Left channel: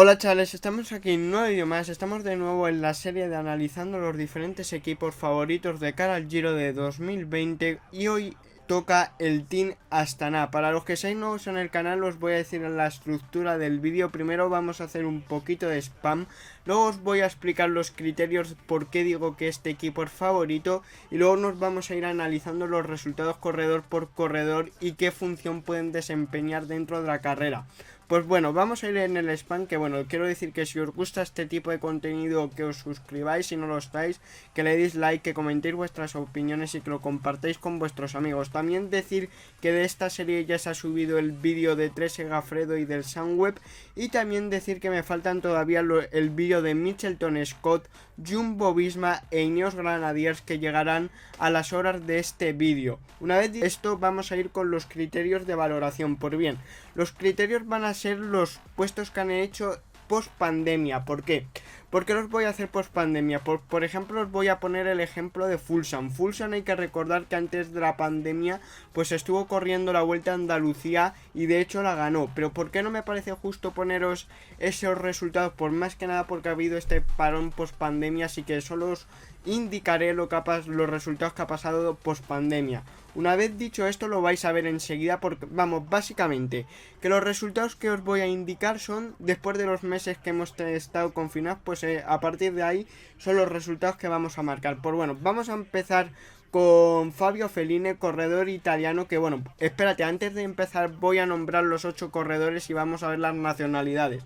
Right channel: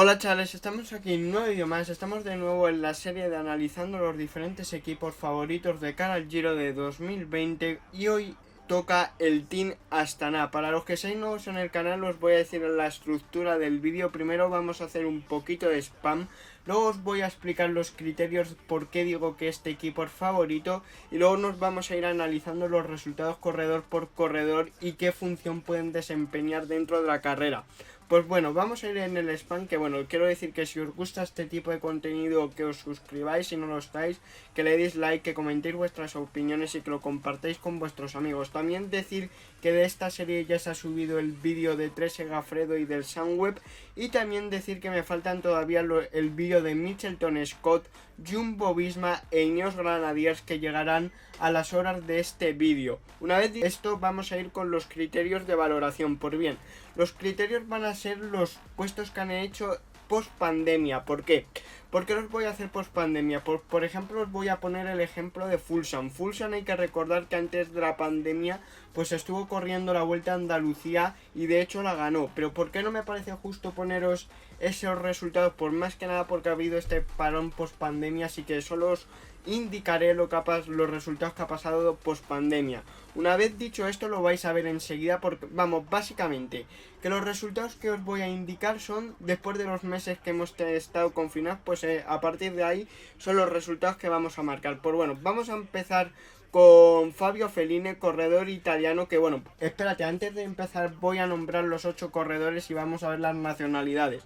Hola chavales, estamos aquí en un nuevo vídeo más, estamos de nuevo en la serie de analizando los diferentes equipos favoritos de cara al Giro de 2020 y hoy toca el Team Astana. Para los que seáis nuevos en el canal os voy a decir la estructura del vídeo. Primero vamos a hacer un poquito de spam, luego os voy a explicar los criterios por qué digo que este equipo es favorito y luego nos vamos a ir analizando los resultados corredor por corredor y qué función pueden desempeñar dentro de la carrera. Pues bueno, vamos a ir en el spam, que bueno, quiero decir que si os gusta este tipo de contenido, que os suscribáis si no lo estáis, que le deis like, que comentéis vuestras opiniones y que lo compartáis con vuestros amigos. También decir que de esta serie ya se ha subido el vídeo de 13 Gafredo y del Sunweb, y también decir que me faltan todavía el vídeo de Mitchelton Scott, Jumbo Visma e Ineos Grenadiers, que llegarán a las horas de este vídeo. Una vez esto, vamos a ir con los criterios de valoración. Por bien, los criterios van a ser los puestos que han hecho post pandemia. ¿Por qué? ¿Por qué los voy a hacer post pandemia? Por ejemplo, os voy a poner el ejemplo de Fuglsang. Fuglsang, hay que recordar que antes de la pandemia pues estuvo corriendo la Vuelta a Andalucía y de hecho la ganó. Pero ¿por qué no me parece justo poneros esos resultados? Por más que nada porque ha habido este parón post pandemia, así que solo os indicaré los resultados que ha pasado post pandemia. Una vez dicho esto, lo vais a ver enseguida, porque vamos, básicamente que los resultados que os voy a indicar son después de los meses que hemos estado confinados. Pues a partir de ahí son los resultados que vamos a marcar. Pues bueno, vamos a empezar con Fabio Fellini, corredor italiano, que bueno, espérate, antes de empezar voy a nombrar los 8 corredores y vamos a ver las nacionalidades.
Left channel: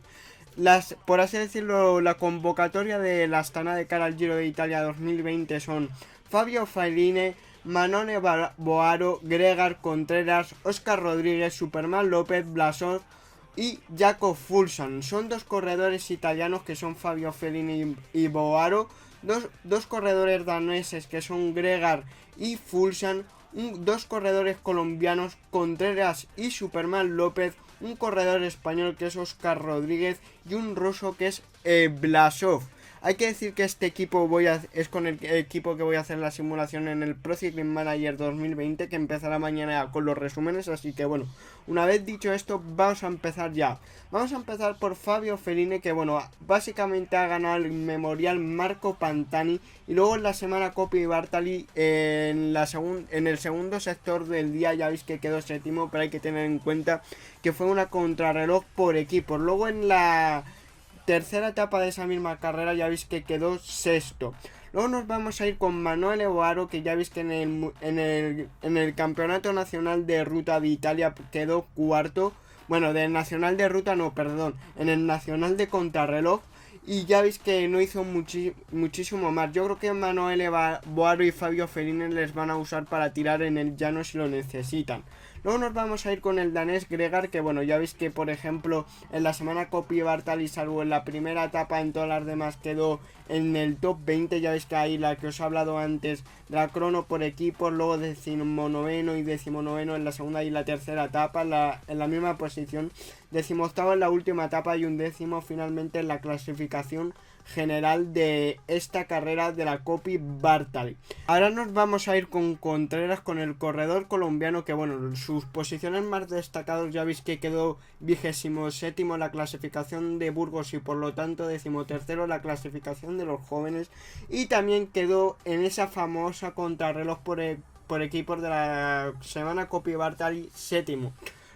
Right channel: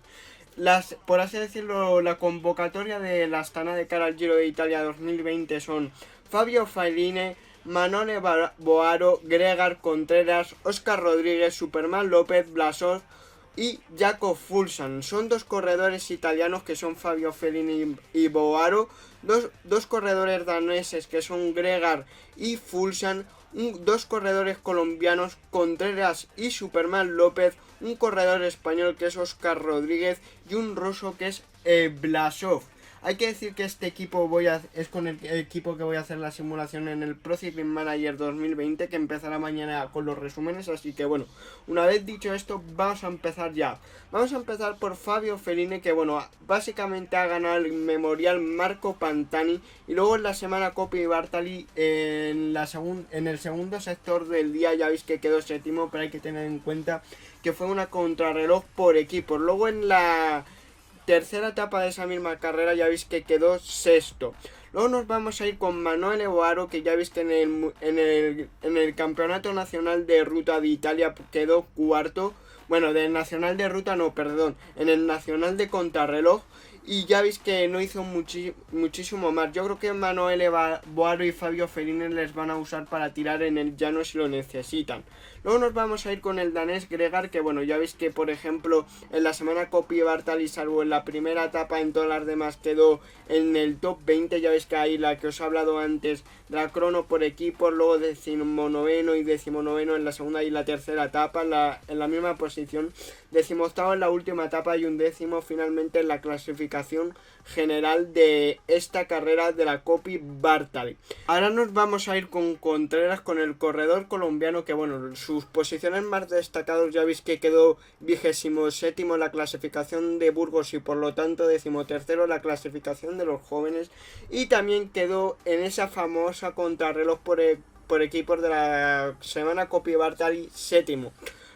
Por así decirlo, la convocatoria de la Astana de cara al Giro de Italia 2020 son Fabio Fellini, Manone Boaro, Gregar Contreras, Óscar Rodríguez, Superman López, Blasov y Jakob Fuglsang. Son dos corredores italianos que son Fabio Fellini y Boaro, dos corredores daneses que son Gregar y Fuglsang, dos corredores colombianos, Contreras y Superman López, un corredor español que es Óscar Rodríguez y un ruso que es Blasov. Hay que decir que este equipo es con el equipo que voy a hacer la simulación en el Pro Cycling Manager 2020, que empezará mañana con los resúmenes. Así que bueno, una vez dicho esto, vamos a empezar ya. Vamos a empezar por Fabio Fellini, que bueno, básicamente ha ganado el Memorial Marco Pantani y luego en la semana Coppi Bartali en el segundo sector del día. Ya veis que quedó séptimo, pero hay que tener en cuenta que fue una contrarreloj por equipos. Luego en la tercera etapa de esa misma carrera ya veis que quedó sexto. Luego nos vamos a ir con Manuel Boaro, que ya veis que en el Campeonato Nacional de Ruta de Italia quedó cuarto. Bueno, del Nacional de Ruta no, perdón, en el Nacional de Contrarreloj. Y ya veis que no hizo muchísimo más. Yo creo que Manuel Boaro y Fabio Fellini les van a usar para tirar en el llano si lo necesitan. Luego nos vamos a ir con el danés Gregar, que bueno, ya veis que por ejemplo en la semana Coppi Bartali, salvo en la primera etapa, en todas las demás quedó en el top 20. Ya veis que ahí la que os he hablado antes, la crono por equipos, luego 19º y 19º en la segunda y la tercera etapa, en la misma posición, 18º en la última etapa y 11º finalmente en la clasificación general de esta carrera de la Coppi Bartali. Ahora nos vamos a ir con Contreras, con el corredor colombiano, que bueno, sus posiciones más destacadas ya veis que quedó 27º en la clasificación de Burgos y por lo tanto 13º en la clasificación de los jóvenes, y también quedó en esa famosa contrarreloj por equipos de la semana Coppi Bartali séptimo.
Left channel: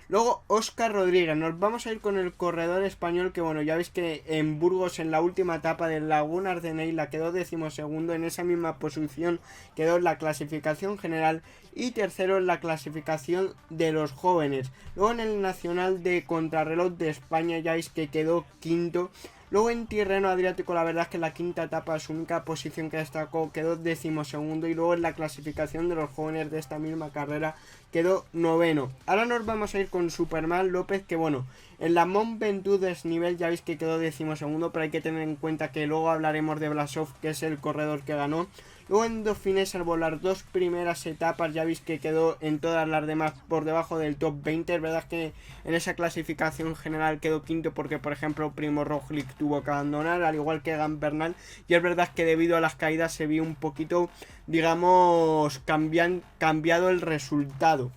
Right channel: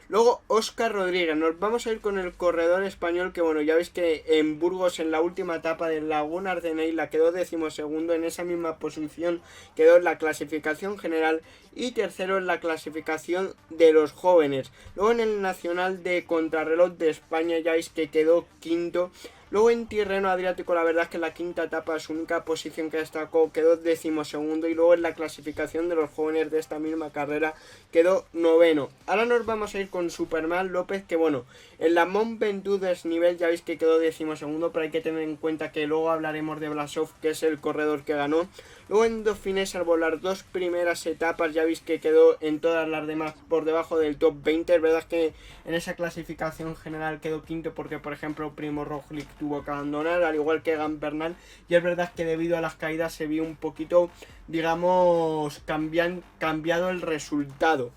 Luego Óscar Rodríguez, nos vamos a ir con el corredor español, que bueno, ya veis que en Burgos en la última etapa de Laguna Ardeneila quedó 12º, en esa misma posición quedó en la clasificación general y tercero en la clasificación de los jóvenes. Luego en el Nacional de Contrarreloj de España ya veis que quedó quinto. Luego en Tirreno Adriático, la verdad es que en la quinta etapa, su única posición que destacó, quedó 12º, y luego en la clasificación de los jóvenes de esta misma carrera quedó 9º. Ahora nos vamos a ir con Superman López, que bueno, en la Mont Ventoux desnivel ya veis que quedó 12º, pero hay que tener en cuenta que luego hablaremos de Blasov, que es el corredor que ganó. Luego en Dauphiné, salvo las dos primeras etapas, ya veis que quedó en todas las demás por debajo del top 20. Es verdad que en esa clasificación general quedó quinto porque, por ejemplo, Primo Roglic tuvo que abandonar, al igual que Egan Bernal. Y es verdad que debido a las caídas se vio un poquito, digamos, cambiado el resultado.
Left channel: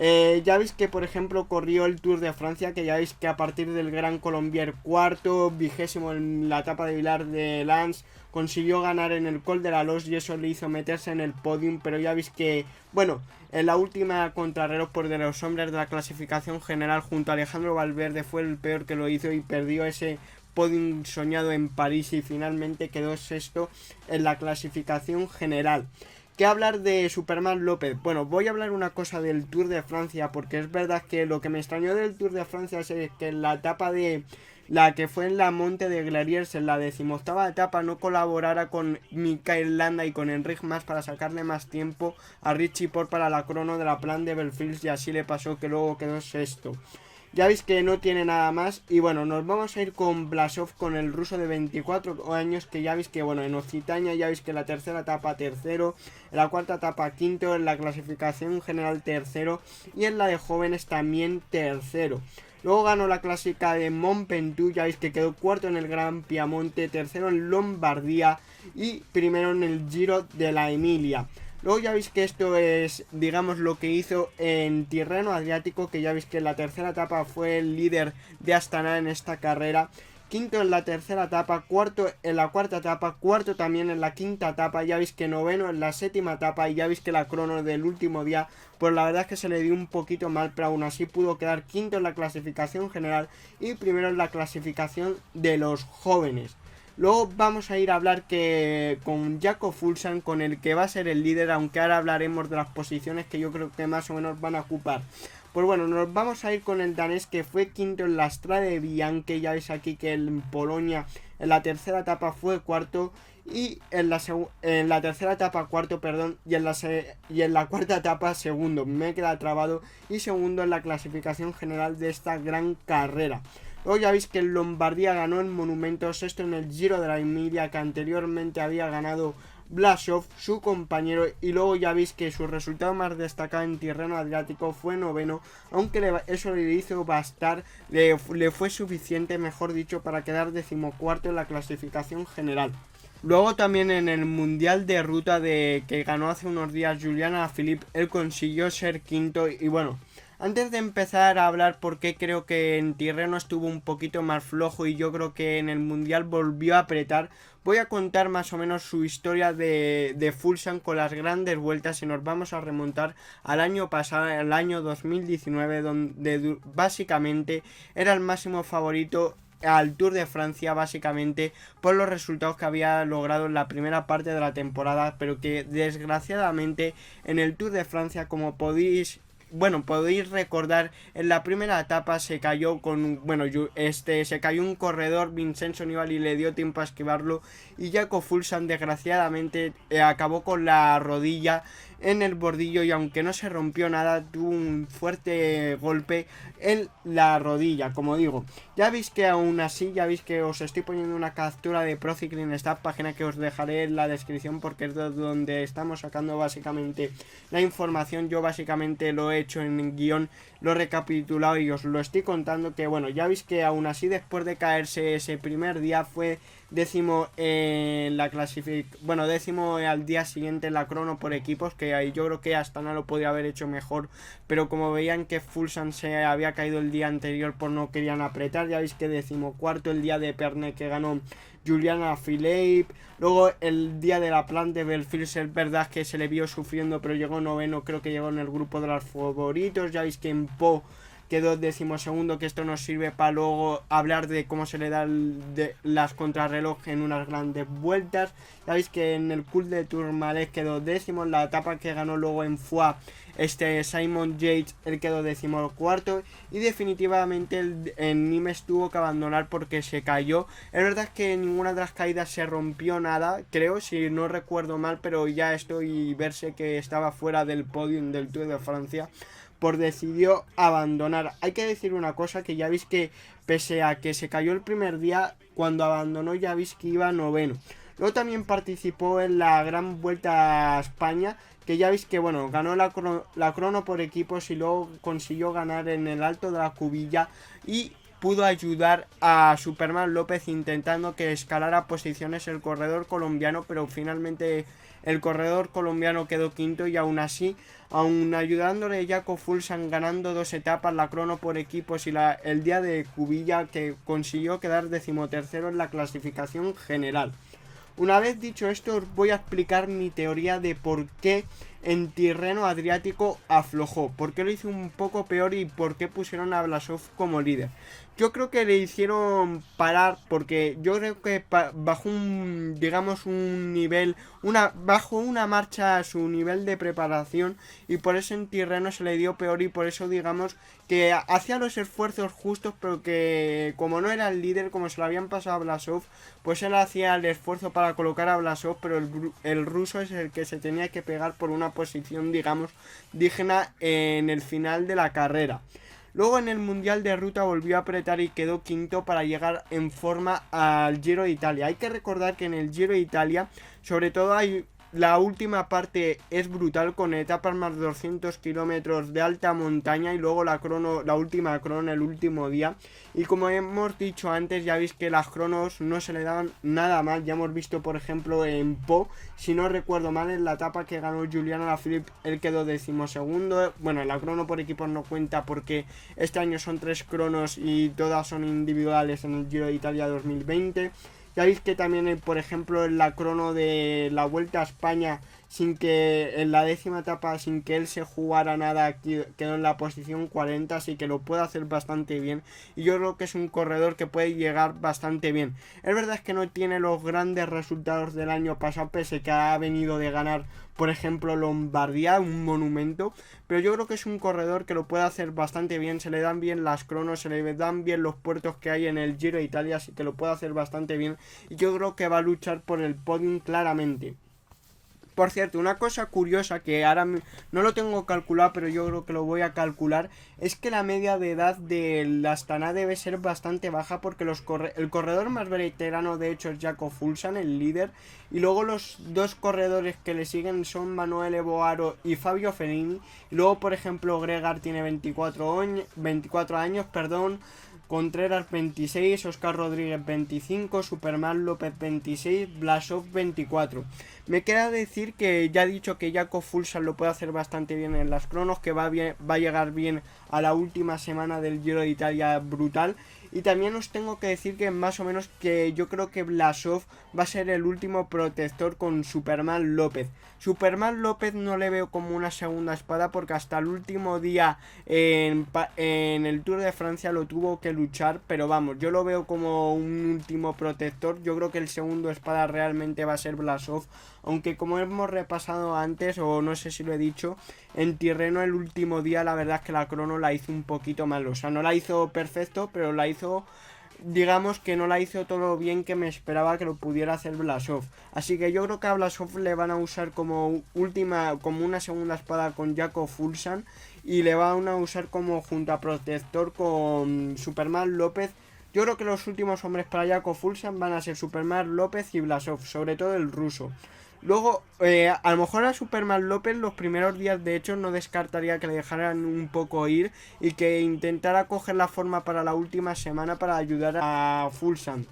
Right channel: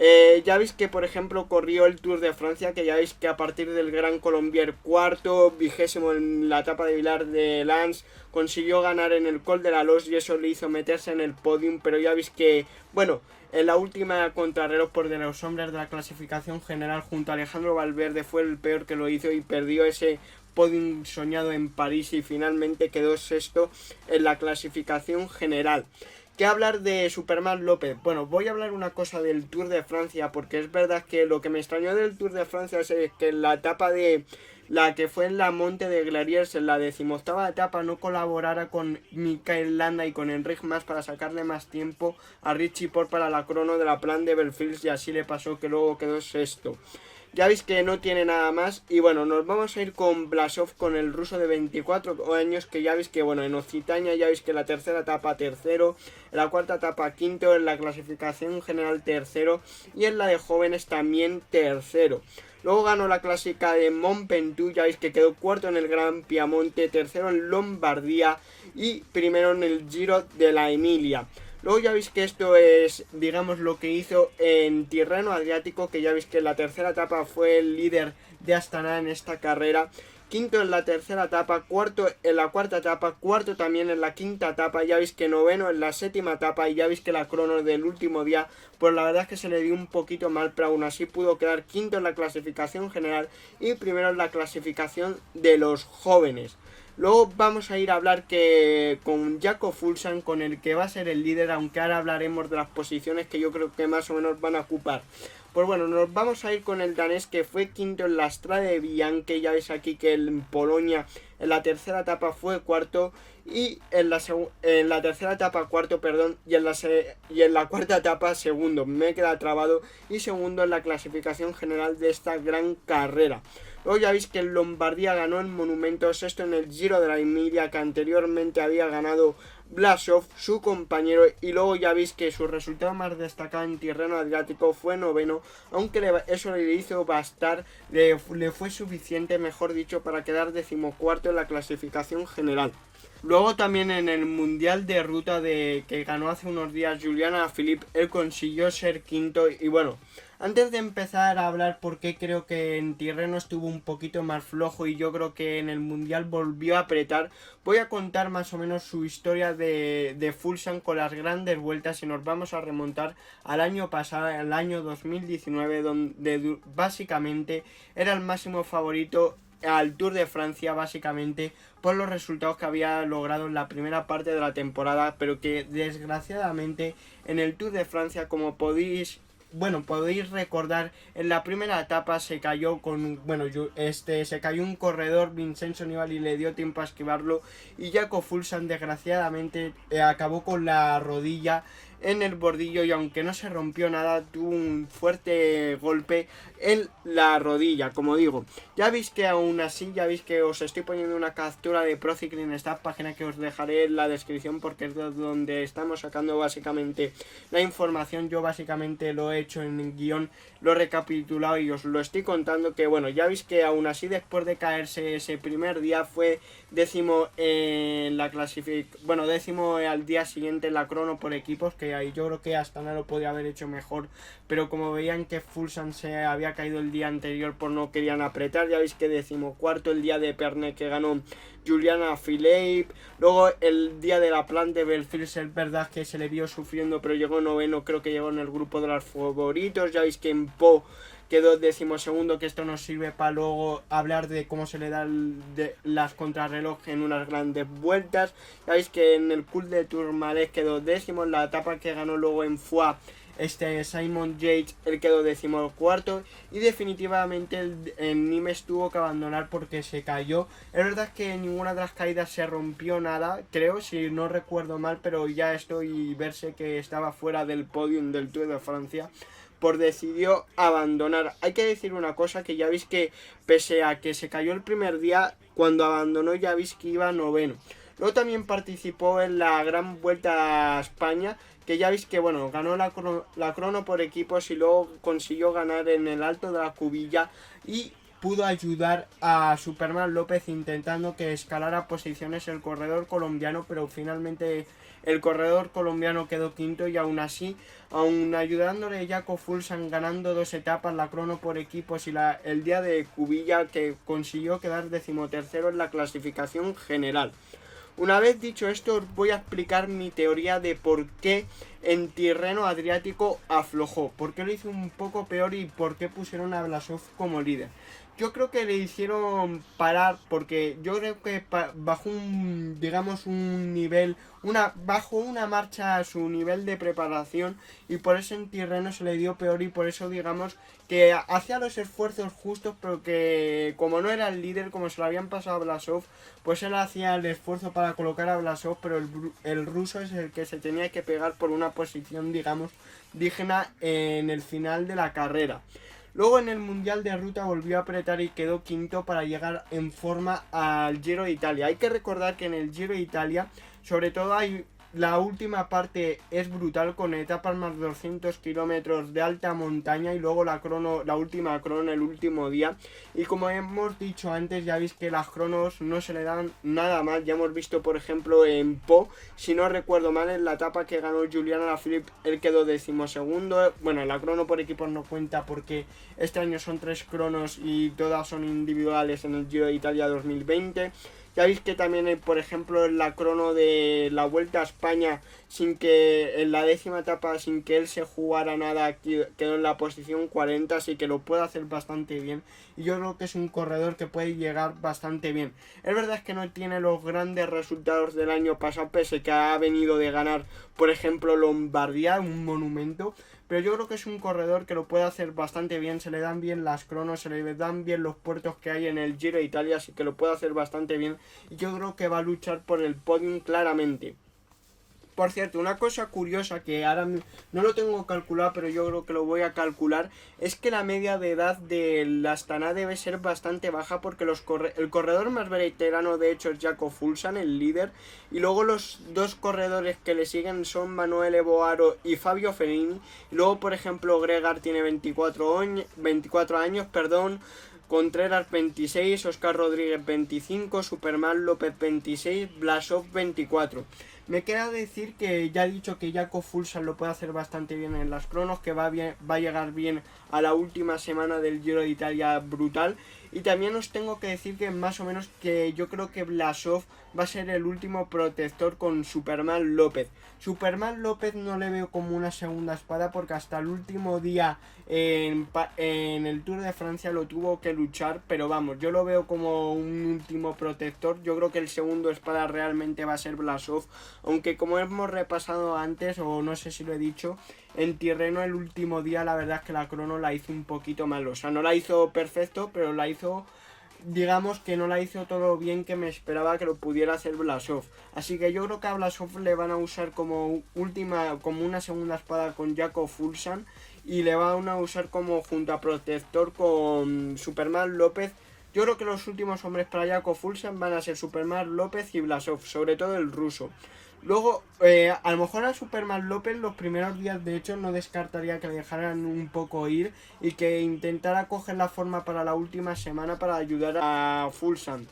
Ya veis que por ejemplo corrió el Tour de Francia, que ya veis que a partir del Gran Colombier cuarto, 20º en la etapa de Vilar de Lans, consiguió ganar en el Col de la Loze y eso le hizo meterse en el podium, pero ya veis que, bueno, en la última contrarreloj por de los hombres de la clasificación general junto a Alejandro Valverde fue el peor que lo hizo y perdió ese podium soñado en París y finalmente quedó sexto en la clasificación general. ¿Qué hablar de Superman López? Bueno, voy a hablar una cosa del Tour de Francia, porque es verdad que lo que me extrañó del Tour de Francia es que en la etapa de la que fue en la Monte de Glariers, en la 18ª etapa, no colaborara con Mikel Landa y con Enric Mas para sacarle más tiempo a Richie Porte para la crono de la Plan de Belfils, y así le pasó que luego quedó sexto. Ya veis que no tiene nada más. Y bueno, nos vamos a ir con Blasov, con el ruso de 24 años, que ya veis que, bueno, en Occitania ya veis que en la tercera etapa tercero, en la cuarta etapa quinto, en la clasificación general tercero y en la de jóvenes también tercero. Luego ganó la clásica de Mont Ventoux, ya veis que quedó cuarto en el Gran Piamonte, tercero en Lombardía y primero en el Giro de la Emilia. Luego ya veis que esto es, digamos, lo que hizo en Tirreno Adriático, que ya veis que en la tercera etapa fue el líder de Astana en esta carrera. Quinto en la tercera etapa, cuarto en la cuarta etapa, cuarto también en la quinta etapa, ya veis que noveno en la séptima etapa y ya veis que la crono del último día, pues la verdad es que se le dio un poquito mal, pero aún así pudo quedar quinto en la clasificación general y primero en la clasificación de los jóvenes. Luego vamos a ir a hablar con Jakob Fuglsang, con el que va a ser el líder, aunque ahora hablaremos de las posiciones que yo creo que más o menos van a ocupar. Pues bueno, nos vamos a ir con el danés, que fue quinto en la Strade Bianche. Ya veis aquí que en Polonia en la tercera etapa fue cuarto y en la tercera etapa cuarto, perdón, y en la cuarta etapa segundo. Me queda trabado, y segundo en la clasificación general de esta gran carrera. Luego ya veis que en Lombardía ganó en Monumento, sexto en el Giro de la Emilia, que anteriormente había ganado Blasov, su compañero, y luego ya veis que su resultado más destacado en Tirreno Adriático fue noveno, aunque eso le hizo bastar, le fue suficiente, mejor dicho, para quedar decimocuarto en la clasificación general. Luego también en el Mundial de Ruta que ganó hace unos días Julian Alaphilippe, él consiguió ser quinto. Y bueno, antes de empezar a hablar por qué creo que en Tirreno estuvo un poquito más flojo y yo creo que en el Mundial volvió a apretar, voy a contar más o menos su historia de Fuglsang con las grandes vueltas, y nos vamos a remontar al año pasado, al año 2019, donde básicamente era el máximo favorito al Tour de Francia, básicamente por los resultados que había logrado en la primera parte de la temporada, pero que desgraciadamente en el Tour de Francia, como podéis recordar, en la primera etapa se cayó se cayó un corredor, Vincenzo Nibali, le dio tiempo a esquivarlo, y Jakob Fuglsang desgraciadamente acabó con la rodilla en el bordillo, y aunque no se rompió nada, tuvo un fuerte golpe en la rodilla, como digo. Ya veis que aún así, ya veis que os estoy poniendo una captura de Pro Cycling Stats, página que os dejaré en la descripción porque es de donde estamos sacando básicamente la información. Yo básicamente lo he hecho en guión, lo he recapitulado y os lo estoy contando, que bueno, ya veis que aún así, después de caerse ese primer día, fue décimo en la clasificación, décimo al día siguiente en la crono por equipos, que ahí yo creo que Astana lo podría haber hecho mejor, pero como veían que Fuglsang se había caído el día anterior, pues no querían apretar. Ya veis que decimocuarto el día de Pernay, que ganó Julian Alaphilippe. Luego el día de la Plan de Belfils, es verdad que se le vio sufriendo, pero llegó noveno, creo que llegó en el grupo de los favoritos. Ya veis que en Po quedó decimosegundo, que esto nos sirve para luego hablar de cómo se le dan las contrarreloj en unas grandes vueltas. Ya veis que en el Col de Tourmalet quedó décimo, en la etapa que ganó luego en Foix Simon Yates, él quedó decimocuarto, y definitivamente en Nimes tuvo que abandonar porque se cayó. Es verdad que en ninguna de las caídas se rompió nada, creo, si no recuerdo mal, pero ya estoy verse que estaba fuera del podium del Tour de Francia, pues decidió abandonar. Hay que decir una cosa, que ya veis que pese a que se cayó el primer día, cuando abandonó ya veis que iba noveno. Luego también participó en la Gran Vuelta a España, que ya veis que ganó la crono por equipos y luego consiguió ganar en el Alto de la Cubilla, y pudo ayudar a Superman López intentando que escalara posiciones el corredor colombiano, pero finalmente el corredor colombiano quedó quinto y aún así, aún ayudándole Jaco Fuglsang ganando 2 etapas, la crono por equipos y el día de Cubilla, que consiguió quedar 13º en la clasificación general. Una vez dicho esto, os voy a explicar mi teoría de por qué en Tirreno Adriático aflojó, por qué lo hizo un poco peor y por qué pusieron a Blasov como líder. Yo creo que le hicieron parar porque yo creo que bajó un nivel, bajó una marcha a su nivel de preparación y por eso en Tirreno se le dio peor y por eso digamos que hacía los esfuerzos justos, pero que como no era el líder, como se lo habían pasado a Blasov, pues él hacía el esfuerzo para colocar a Blasov, pero el ruso es el que se tenía que pegar por una posición, digamos, digna en el final de la carrera. Luego en el Mundial de Ruta volvió a apretar y quedó quinto para llegar en forma al Giro de Italia. Hay que recordar que en el Giro de Italia, sobre todo la última parte es brutal, con etapas más de 200 kilómetros de alta montaña y luego la última crono el último día. Y como hemos dicho antes, ya veis que las cronos no se le daban nada mal. Ya hemos visto, por ejemplo, en Po, si no recuerdo mal, en la etapa que ganó Julian Alaphilippe, él quedó 12º. Bueno, la crono por equipos no cuenta porque este año son 3 cronos y todas son individuales en el Giro de Italia 2020. Ya veis que también, por ejemplo, en la crono de la Vuelta a España, sin que en la 10ª etapa, sin que él se jugara nada, quedó en la posición 40, así que lo puede hacer bastante bien. Y yo creo que es un corredor que puede llegar bastante bien. Es verdad es que no tiene los grandes resultados del año pasado, pese que ha venido de ganar, por ejemplo, Lombardía, un monumento. Pero yo creo que es un corredor que lo puede hacer bastante bien, se le dan bien las cronos, se le dan bien los puertos que hay en el Giro de Italia, así que lo puede hacer bastante bien. Y yo creo que va a luchar por el podium claramente. Por cierto, una cosa curiosa que ahora no lo tengo calculado, pero yo creo que lo voy a calcular, es que la media de edad del Astana debe ser bastante baja porque el corredor más veterano de hecho es Jaco Fuglsang, el líder, y luego los 2 corredores que le siguen son Manuel Boaro y Fabio Fognini. Y luego, por ejemplo, Gregar tiene 24 años, Contreras 26, Oscar Rodríguez 25, Superman López 26, Blasov 24. Me queda decir que ya he dicho que Jaco Fuglsang lo puede hacer bastante bien en las cronos, que va a llegar bien a la última semana del Giro de Italia brutal. Y también os tengo que decir que más o menos que yo creo que Blasov va a ser el último protector con Superman López. Superman López no le veo como una segunda espada porque hasta el último día en el Tour de Francia lo tuvo que luchar, pero vamos, yo lo veo como un último protector. Yo creo que el segundo espada realmente va a ser Blasov, aunque como hemos repasado antes, o no sé si lo he dicho, en Tirreno el último día la verdad es que la crono la hizo un poquito mal, o sea, no la hizo perfecto, pero la hizo, digamos que no la hizo todo bien que me esperaba que lo pudiera hacer Blasov. Así que yo creo que a Blasov le van a usar como una segunda espada con Jaco Fuglsang y le van a usar como junto a protector con Superman López. Yo creo que los últimos hombres para Jaco Fuglsang van a ser Superman López y Blasov, sobre todo el ruso. Luego, a lo mejor a Superman López los primeros días, de hecho, no descartaría que le dejaran un poco ir y que intentara coger la forma para la última semana para ayudar a Fuglsang.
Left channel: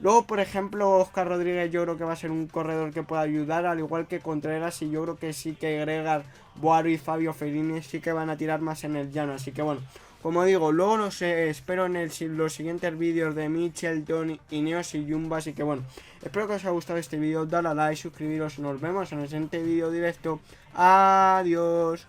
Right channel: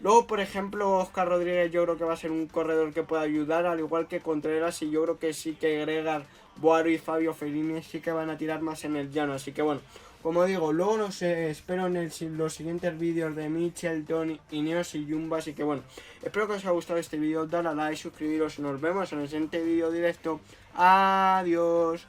Luego, por ejemplo, Oscar Rodríguez yo creo que va a ser un corredor que pueda ayudar, al igual que Contreras, y yo creo que sí que Gregar, Boaro y Fabio Fognini sí que van a tirar más en el llano. Así que bueno, como digo, luego los espero en los siguientes vídeos de Mitchelton, Ineos y Jumbo. Así que bueno, espero que os haya gustado este vídeo, dale a like, suscribiros y nos vemos en el siguiente vídeo directo. Adiós.